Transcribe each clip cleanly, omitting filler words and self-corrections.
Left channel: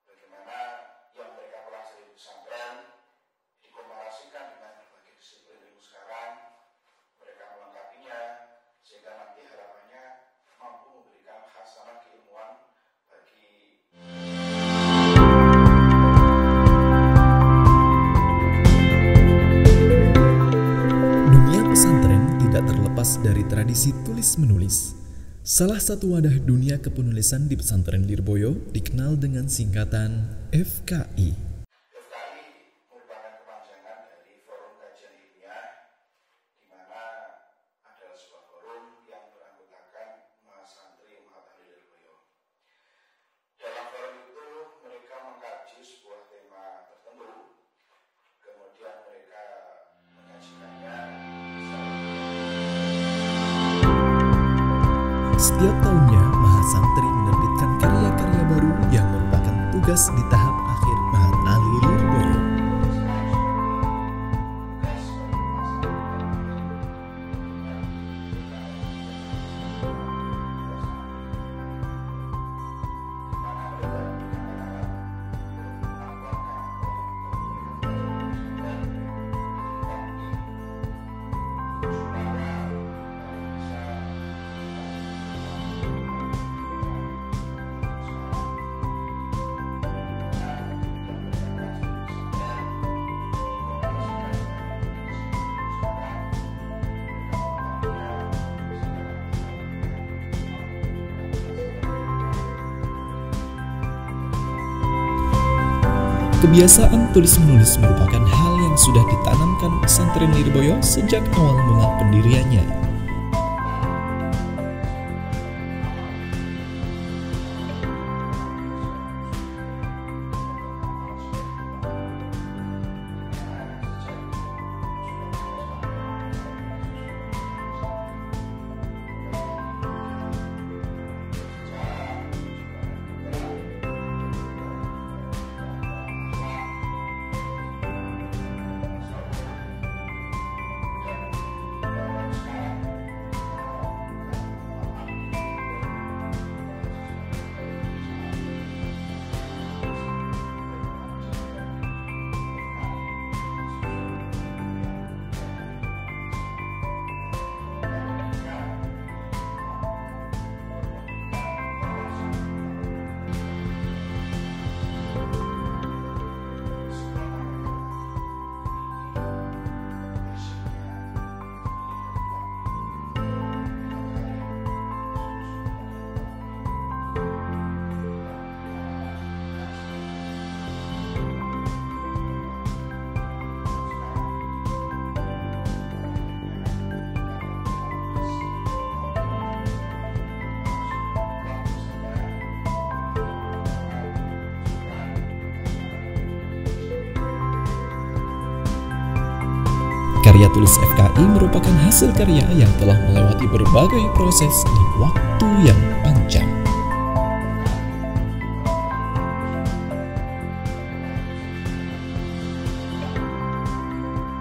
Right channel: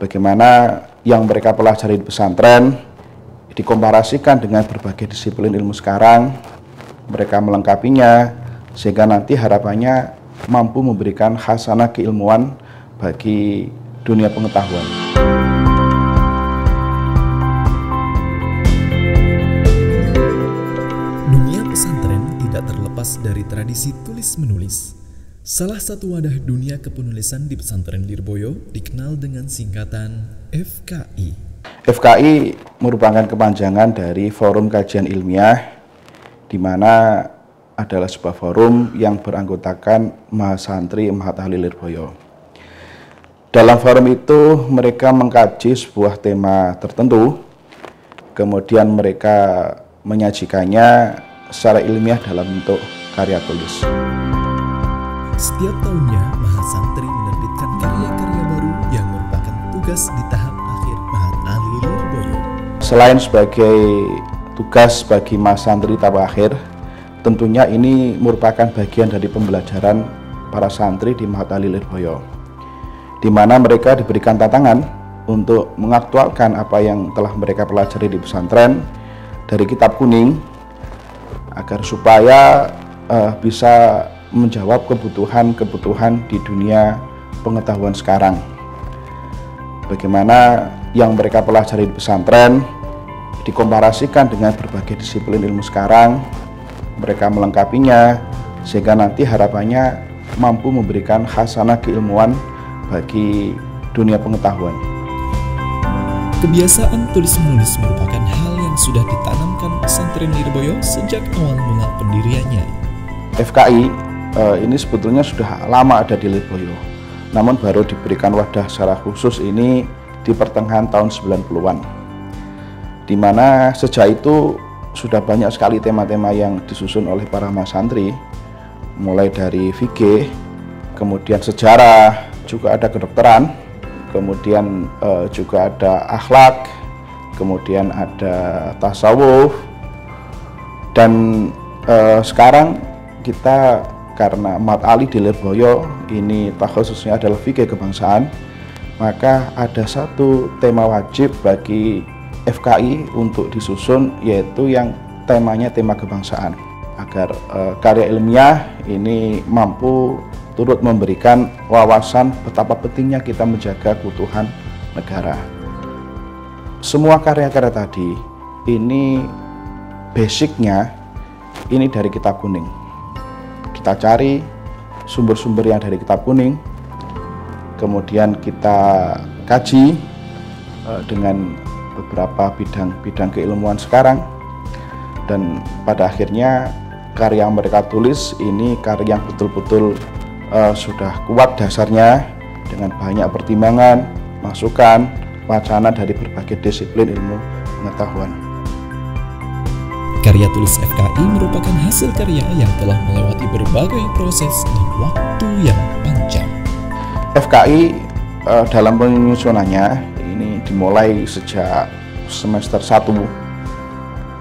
bagaimana yang mereka pelajari di pesantren dikomparasikan dengan berbagai disiplin ilmu sekarang, mereka melengkapinya sehingga nanti harapannya mampu memberikan khasanah keilmuan bagi dunia pengetahuan. Dunia pesantren tidak terlepas dari tradisi tulis-menulis. Salah satu wadah dunia kepenulisan di pesantren Lirboyo dikenal dengan singkatan FKI. FKI merupakan kepanjangan dari Forum Kajian Ilmiah, di mana adalah sebuah forum yang beranggotakan mahasantri Mahat Ahli Lirboyo. Dalam forum itu mereka mengkaji sebuah tema tertentu, kemudian mereka menyajikannya secara ilmiah dalam bentuk karya tulis. Setiap tahunnya, mahasantri menerbitkan karya-karya baru yang merupakan tugas di tahap akhir Mahat Ahli Lirboyo. Selain sebagai tugas bagi mahasantri tahap akhir, tentunya ini merupakan bagian dari pembelajaran para santri di Mahat Ahli Lirboyo, di mana mereka diberikan tantangan untuk mengaktualkan apa yang telah mereka pelajari di pesantren dari kitab kuning, agar supaya bisa menjawab kebutuhan-kebutuhan di dunia pengetahuan sekarang. Bagaimana yang mereka pelajari di pesantren dikomparasikan dengan berbagai disiplin ilmu sekarang, mereka melengkapinya sehingga nanti harapannya mampu memberikan khasanah keilmuan bagi dunia pengetahuan. Kebiasaan tulis-menulis merupakan hal yang sudah ditanamkan pesantren Lirboyo sejak awal mula pendiriannya. FKI ini sebetulnya sudah lama ada di Lirboyo, namun baru diberikan wadah secara khusus ini di pertengahan tahun 90-an, di mana sejak itu sudah banyak sekali tema-tema yang disusun oleh para mahasantri, mulai dari fikih, kemudian sejarah, juga ada kedokteran, kemudian juga ada akhlak, kemudian ada tasawuf, dan sekarang kita karena Mahat Ahli di Lirboyo ini khususnya adalah fikih kebangsaan, maka ada satu tema wajib bagi FKI untuk disusun, yaitu yang temanya tema kebangsaan, agar karya ilmiah ini mampu turut memberikan wawasan betapa pentingnya kita menjaga keutuhan negara. Semua karya-karya tadi ini basicnya ini dari kitab kuning. Kita cari sumber-sumber yang dari kitab kuning, kemudian kita kaji dengan beberapa bidang keilmuan sekarang, dan pada akhirnya karya yang mereka tulis ini karya yang betul-betul sudah kuat dasarnya dengan banyak pertimbangan, masukan, wacana dari berbagai disiplin ilmu pengetahuan. Karya tulis FKI merupakan hasil karya yang telah melewati berbagai proses dan waktu yang panjang. FKI dalam penyusunannya ini dimulai sejak semester 1,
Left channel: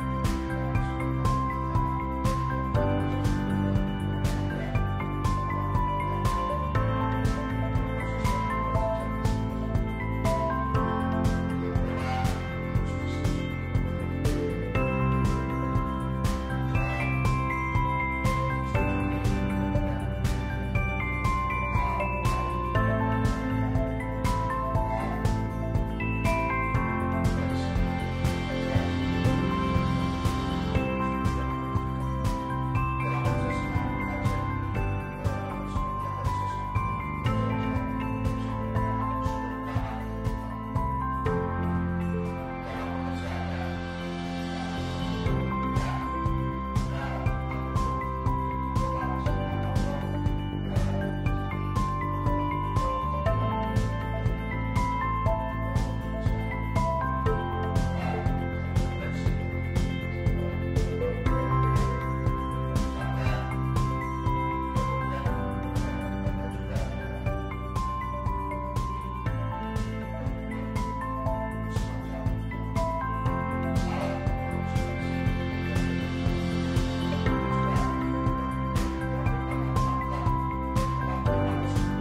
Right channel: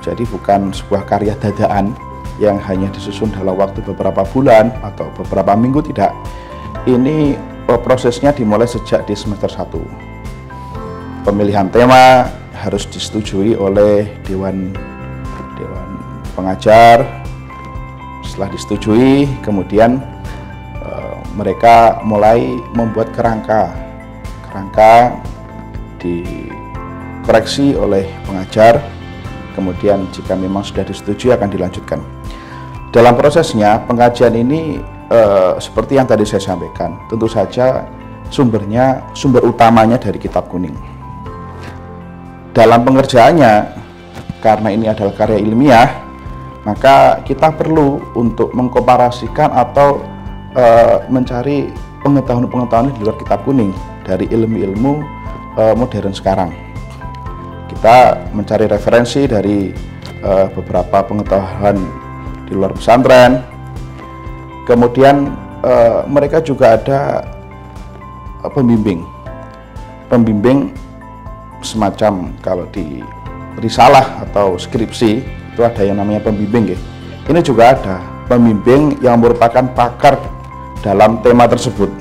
jadi bukan sebuah karya dadaan yang hanya disusun dalam waktu beberapa bulan atau beberapa minggu, tidak. Ini prosesnya dimulai sejak di semester 1. Pemilihan tema harus disetujui oleh Dewan Pengajar. Setelah disetujui, kemudian mereka mulai membuat kerangka dikoreksi oleh pengajar, kemudian jika memang sudah disetujui akan dilanjutkan. Dalam prosesnya pengajian ini seperti yang tadi saya sampaikan, tentu saja sumber utamanya dari kitab kuning. Dalam pengerjaannya, karena ini adalah karya ilmiah, maka kita perlu untuk mengkomparasikan atau mencari pengetahuan-pengetahuan di luar kitab kuning dari ilmu-ilmu modern sekarang. Kita mencari referensi dari beberapa pengetahuan di luar pesantren. Kemudian mereka juga ada pembimbing semacam kalau di risalah atau skripsi itu ada yang namanya pembimbing. Ini juga ada pembimbing yang merupakan pakar dalam tema tersebut.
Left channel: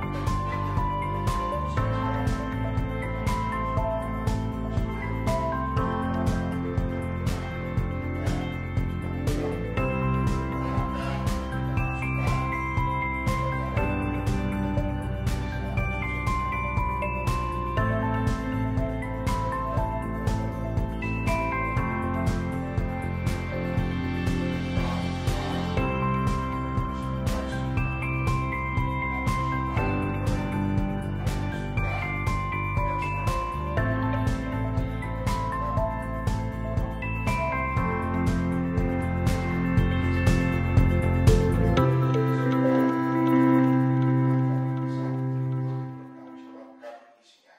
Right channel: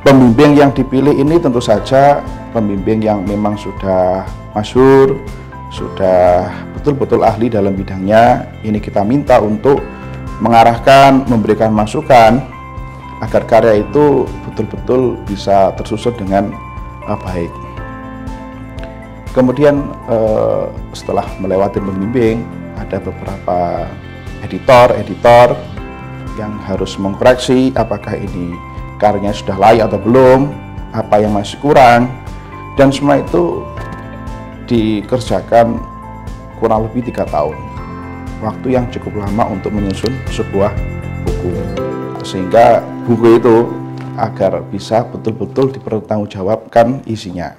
Pembimbing yang dipilih ini tentu saja pembimbing yang memang sudah masyhur, sudah betul-betul ahli dalam bidangnya. Ini kita minta untuk mengarahkan, memberikan masukan agar karya itu betul-betul bisa tersusun dengan baik. Kemudian setelah melewati pembimbing, ada beberapa editor yang harus mengkoreksi apakah ini karyanya sudah layak atau belum, apa yang masih kurang, dan semua itu dikerjakan kurang lebih 3 tahun. Waktu yang cukup lama untuk menyusun sebuah buku, sehingga buku itu agar bisa betul-betul dipertanggungjawabkan isinya.